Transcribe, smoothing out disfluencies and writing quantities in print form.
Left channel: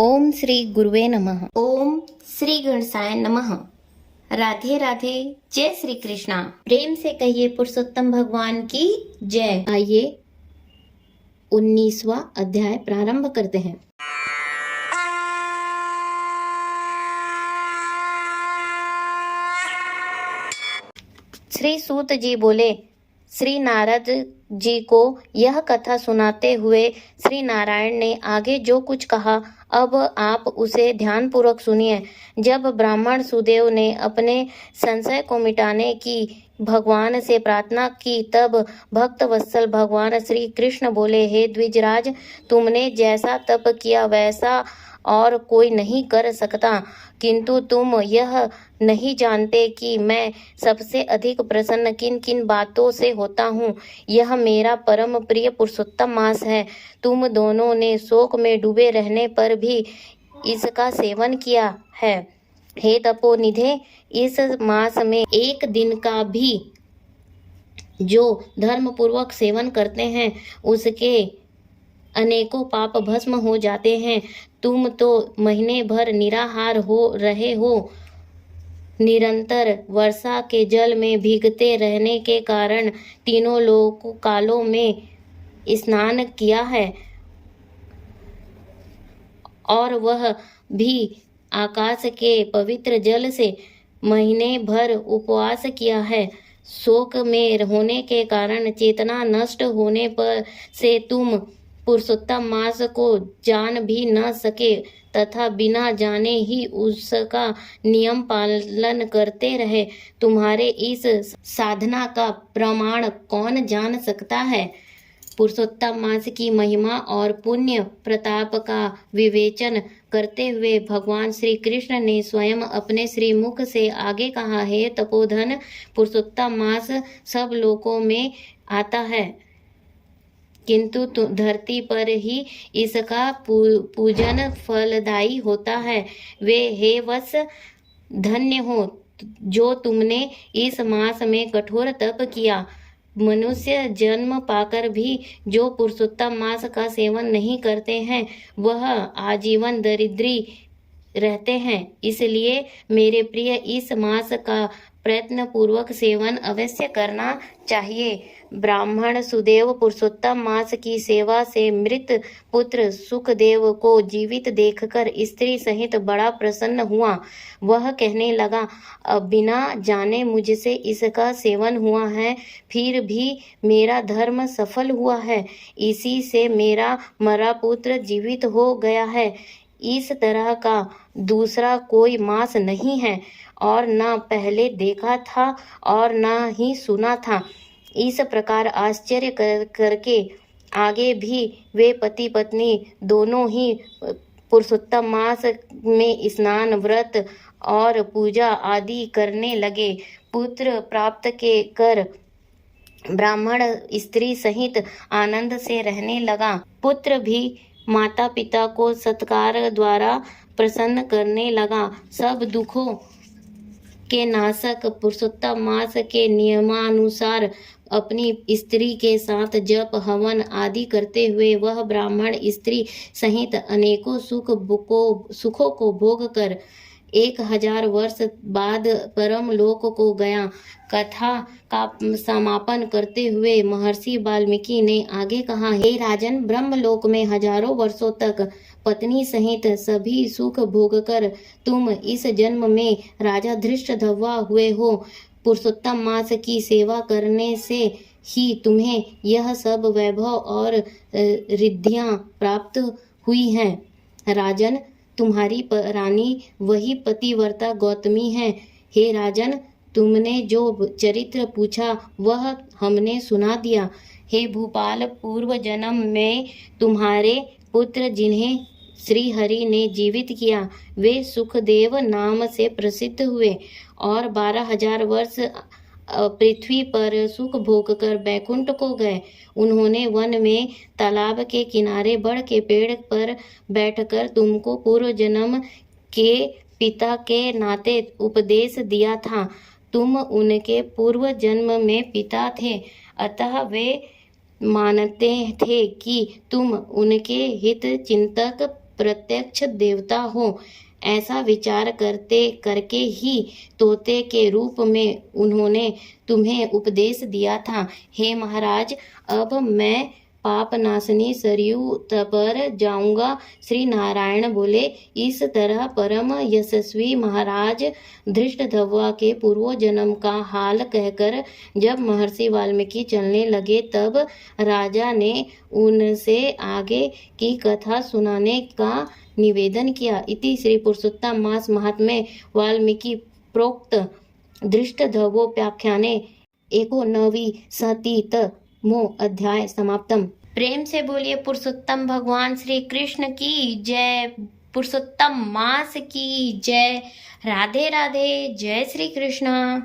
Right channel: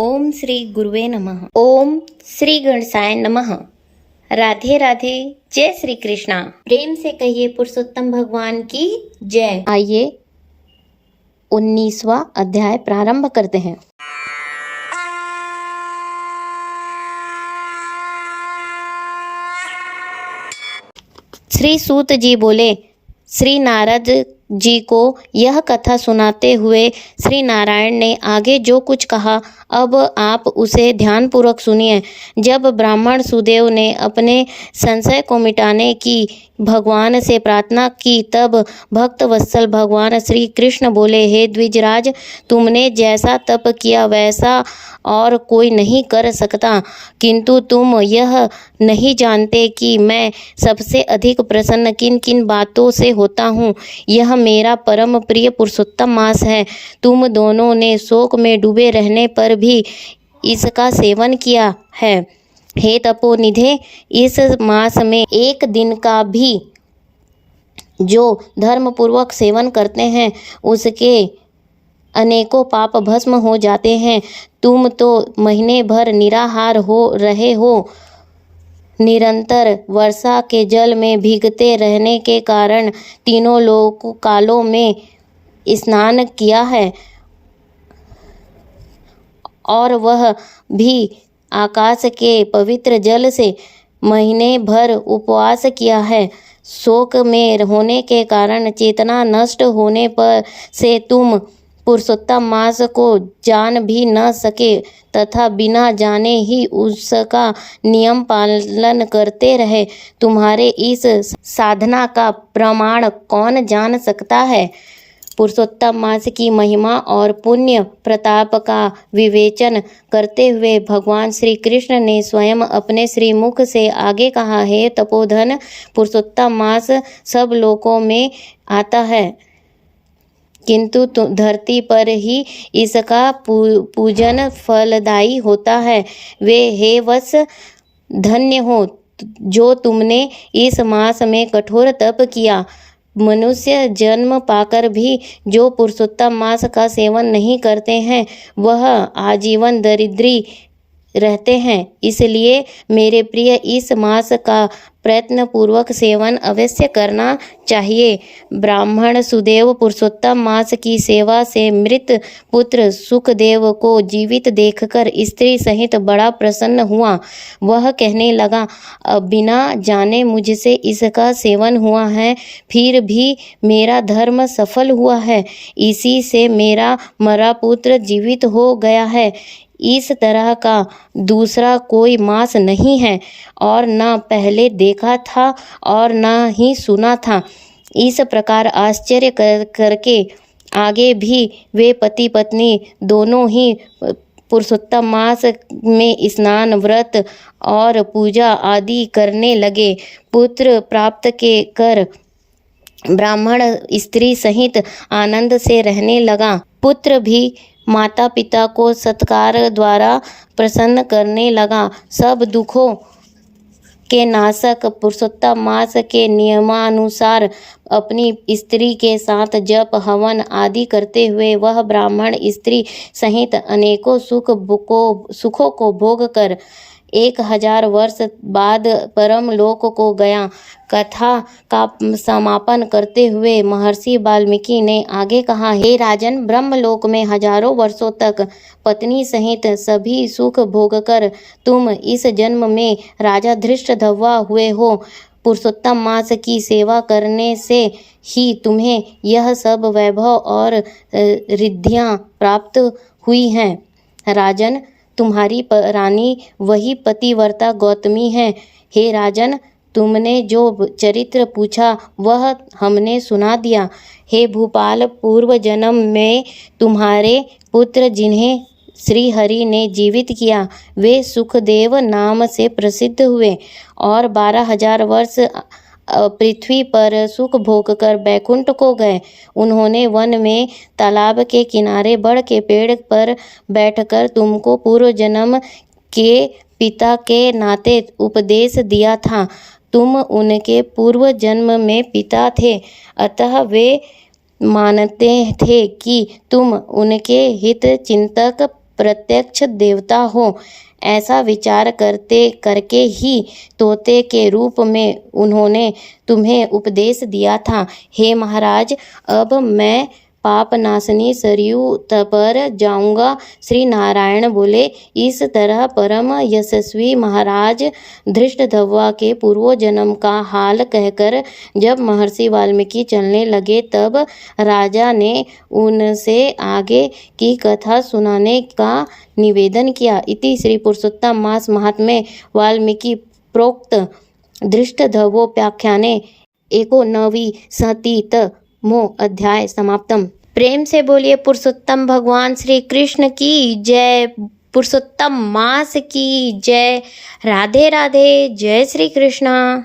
ओम श्री गुरुवे नमः। ओम श्री गणेशाय नमः। राधे राधे। जय श्री कृष्णा। प्रेम से कहिए पुरुषोत्तम भगवान की जय। आइए 19वां अध्याय प्रारंभ करते हैं। श्री सूत जी बोले, श्री नारद जी को यह कथा सुनाते हुए श्री नारायण ने आगे जो कुछ कहा अब आप उसे ध्यानपूर्वक सुनिए। जब ब्राह्मण सुदेव ने अपने संशय को मिटाने की भगवान से प्रार्थना की तब भक्त वत्सल भगवान श्री कृष्ण बोले, हे द्विजराज, तुमने जैसा तप किया वैसा और कोई नहीं कर सकता, किंतु तुम यह नहीं जानते कि मैं सबसे अधिक प्रसन्न किन किन बातों से होता हूँ। यह मेरा परम प्रिय पुरुषोत्तम मास है। तुम दोनों ने शोक में डूबे रहने पर भी इसका सेवन किया है। हे तपोनिधे, इस मास में एक दिन का भी जो धर्मपूर्वक सेवन करते हैं उसके अनेकों पाप भस्म हो जाते हैं। तुम तो महीने भर निराहार हो रहे हो। निरंतर वर्षा के जल में भीगते रहने के कारण तीनों लोक कालों में स्नान किया है और वह भी आकाश के पवित्र जल से महीने भर उपवास किया है। शोक में होने के कारण चेतना नष्ट होने पर से तुम पुरुषोत्तम मास को जान भी न सके तथा बिना जाने ही उसका नियम पालन करते रहे। तुम्हारे इस साधना का प्रमाण कौन जान सकता है? पुरुषोत्तम मास की महिमा और पुण्य प्रताप का विवेचन करते हुए भगवान श्री कृष्ण ने स्वयं अपने श्रीमुख से आगे कहा, हे तपोधन, पुरुषोत्तम मास सब लोकों में आता है किंतु धरती पर ही इसका पूजन फलदायी होता है। वे हे वत्स, धन्य हो जो तुमने इस मास में कठोर तप किया। मनुष्य जन्म पाकर भी जो पुरुषोत्तम मास का सेवन नहीं करते हैं वह आजीवन दरिद्री रहते हैं। इसलिए मेरे प्रिय इस मास का प्रयत्न पूर्वक सेवन अवश्य करना चाहिए। ब्राह्मण सुदेव पुरुषोत्तम मास की सेवा से मृत पुत्र सुखदेव को जीवित देखकर स्त्री सहित बड़ा प्रसन्न हुआ। वह कहने लगा, बिना जाने मुझसे इसका सेवन हुआ है, फिर भी मेरा धर्म सफल हुआ है। इसी से मेरा मरा पुत्र जीवित हो गया है। इस तरह का दूसरा कोई मास नहीं है और न पहले देखा था और न ही सुना था। इस प्रकार आश्चर्य करके आगे भी वे पति पत्नी दोनों ही पुरुषोत्तम मास में स्नान, व्रत और पूजा आदि करने लगे। पुत्र प्राप्त के कर ब्राह्मण स्त्री सहित आनंद से रहने लगा। पुत्र भी माता पिता को सत्कार द्वारा प्रसन्न करने लगा। सब दुखों के नाशक पुरुषोत्तम मास के नियमानुसार अपनी स्त्री के साथ जप हवन आदि करते हुए वह ब्राह्मण स्त्री सहित अनेकों सुखों को भोग कर 1000 वर्ष बाद परम लोक को गया। कथा का समापन करते हुए महर्षि वाल्मीकि ने आगे कहा, हे राजन, ब्रह्मलोक में हजारों वर्षों तक पत्नी सहित सभी सुख भोगकर तुम इस जन्म में राजा धृष्टद्युम्न हुए हो। पुरुषोत्तम मास की सेवा करने से ही तुम्हें यह सब वैभव और रिद्धियां प्राप्त हुई हैं। राजन, तुम्हारी रानी वही पतिव्रता गौतमी है। हे राजन, तुमने जो चरित्र पूछा वह हमने सुना दिया। हे भूपाल, पूर्व जन्म में तुम्हारे पुत्र जिन्हें श्री हरि ने जीवित किया वे सुखदेव नाम से प्रसिद्ध हुए और 12,000 वर्ष पृथ्वी पर सुख भोग कर बैकुंठ को गए। उन्होंने वन में तालाब के किनारे बड़ के पेड़ पर बैठकर तुमको पूर्व जन्म के पिता के नाते उपदेश दिया था। तुम उनके पूर्व जन्म में पिता थे, अतः वे मानते थे कि तुम उनके हित चिंतक प्रत्यक्ष देवता हो, ऐसा विचार करके ही तोते के रूप में उन्होंने तुम्हें उपदेश दिया था। हे महाराज, अब मैं पापनाशनी सरयू पर जाऊंगा। श्री नारायण बोले। इस तरह परम यशस्वी महाराज धृष्टद्युम्न के पूर्व जन्म का हाल कहकर जब महर्षि वाल्मीकि चलने लगे, तब राजा ने उनसे आगे की कथा सुनाने का निवेदन किया। इति श्री पुरुषोत्तम मास महात्म्ये वाल्मीकि प्रोक्त धृष्टद्युम्नोपाख्याने 19तमो अध्याय समाप्तम। प्रेम से बोलिए पुरुषोत्तम भगवान श्री कृष्ण की जय। पुरुषोत्तम मास की जय। राधे राधे। जय श्री कृष्ण।